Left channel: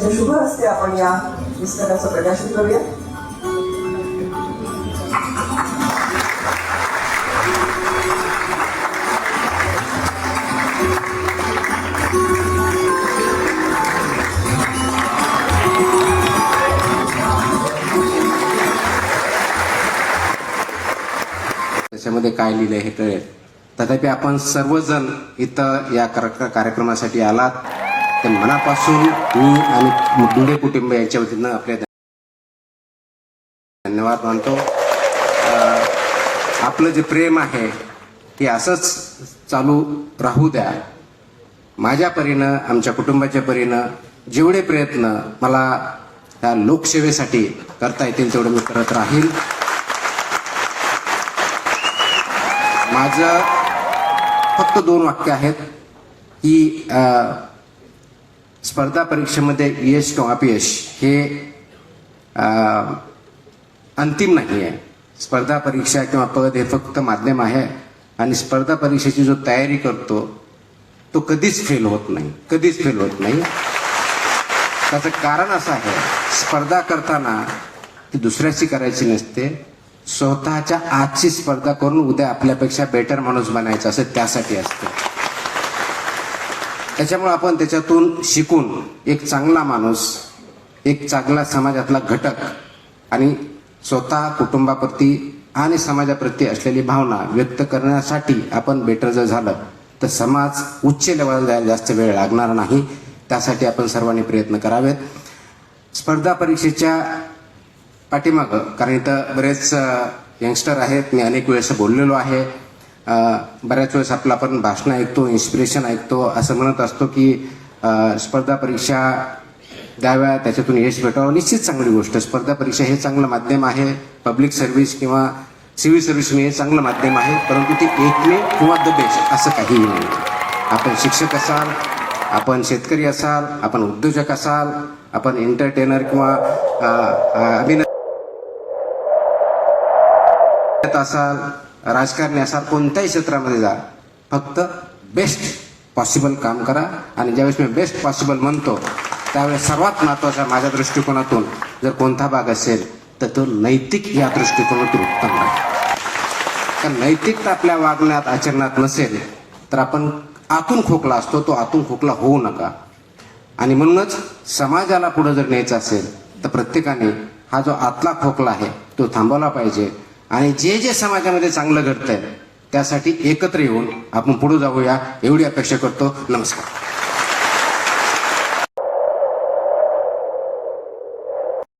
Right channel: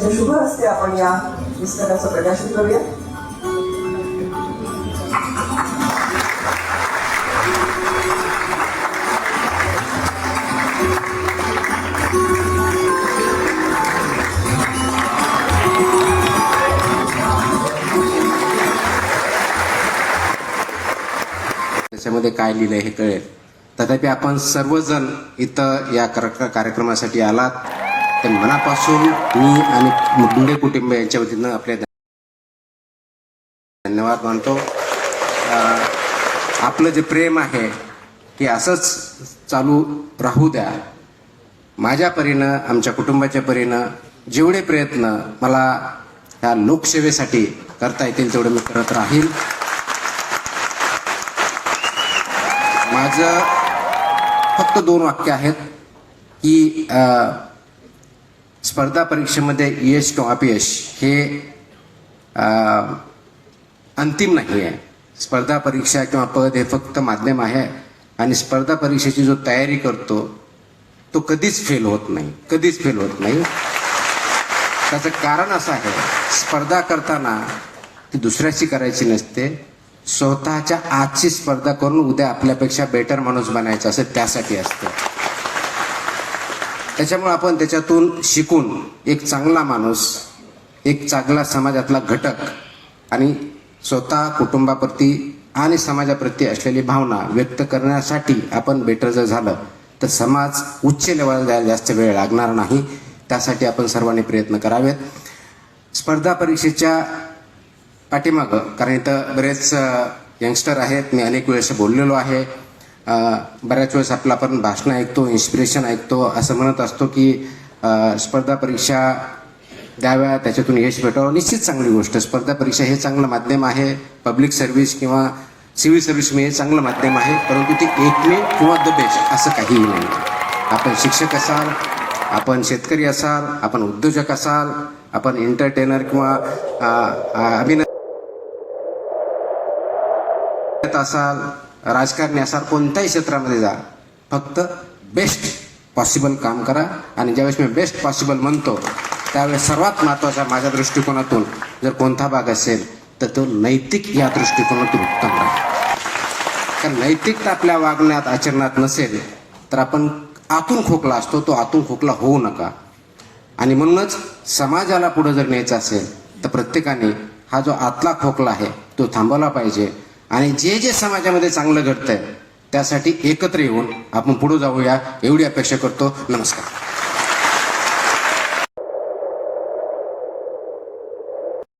शुभ हस्ते आपण या पुस्तकाचं प्रकाशन करूया. त्याच्यामध्ये काय लिहिलंय हे कळेल. तथापि आपण सर्वजण इथं या कार्यक्रमासाठी आलात ते मनापासून मी आणि दुले कुटुंब यांच्या वतीनं आपले धन्यवाद मानतो. आपलं जे प्रेम आहे हे असंच चालू राहू द्या. माझ्या परीनं, आमच्या कुटुंबाच्या परीनं जेवढे प्रयत्न मला या लोकसेवेसाठी करता येतील तेवढे मी करत राहील. माझं फक्त 2 वाक्य आहेत की स्पर्धा परीक्षेमध्ये यश किंवा अपयश हे अंतिम नाही आहे. स्पर्धा परीक्षा किंवा पद हे फक्त माध्यम आहे आणि स्पर्धा परीक्षेची जो तयारी करतो तो कधीच फेल होत नाही, कधीच फेल होत नाही. त्याचं कारण असं आहे, स्पर्धा करताना ती दुसऱ्याची करायची नसते, स्वतःच्या आजची स्पर्धा करून उद्या आपल्यापेक्षा बेटर माणूस बनायचा असं त्यासाठी असतं. त्याच्यामुळे आपण त्याच्यातून शिकून एक चांगला माणूस, एक चांगला समाजातला घटक आणि स्वतः कुटुंबाप्रती आणि समाजाप्रती असलेली भावना व्यक्त करण्यासाठी आपण बेटर जर झालं तर समाज उच्च लेवलला जायला जास्त वेळ लागणार नाही. त्यासाठी आपण सर्वांनी प्रयत्न करावेत. स्पर्धा परीक्षेच्या पाठीमागं, कारण इथं बरेच यंगस्टर आहेत, मी अनेक वेळेस बोललेलो आहे. बऱ्याच वेळेस आपलं आपण भाषण ऐकतो, इन्स्पिरेशन ऐकतो, असं म्हणत असतो की स्पर्धा परीक्षा द्याव्या, त्याच्यातून यश भेटावं. निश्चित चांगली गोष्ट. स्पर्धा परीक्षा हे चांगलं माध्यम आहे. पब्लिक सर्व्हिस किंवा सिव्हिल सर्व्हिस हे चांगलं माध्यम आहे, परंतु ते एकमेव किंवा द बेस्ट असं काहीही नाही. आपण शिक्षक असाल, आपण शेतकरी असाल, आपण उद्योजक असाल, आपण एंटरटेनर किंवा अभिनेता असाल, राजकारणी असाल, कोणत्याही क्षेत्रामध्ये जा, फक्त बेस्ट पॉसिबल काम करा. आणि ज्यावेळेस मी बेस्ट पॉसिबल म्हणतो त्यावेळेस सर्वात महत्वाचा माझ्या दृष्टिकोनातून जर कोणता भाग असेल तर तो नैतिक या दृष्टिकोनातून उत्तम आहे. कारण नैतिकता आपल्या वागण्यात, आचरणात नसेल तर आपण आतून खोकला असतो, तो आतून खोकला होऊ नका. आणि म्हणूनच समाजाला पुढे जर न्यायचं असेल तर प्रत्येकाने हा जो आतला खोकला आहे तो थांबवला पाहिजे. आणि जे जे समाजामध्ये चांगलं घडतंय त्यासाठी एकत्र येऊन आपण पुढे जाऊया एवढी अपेक्षा करतो. नमस्कार.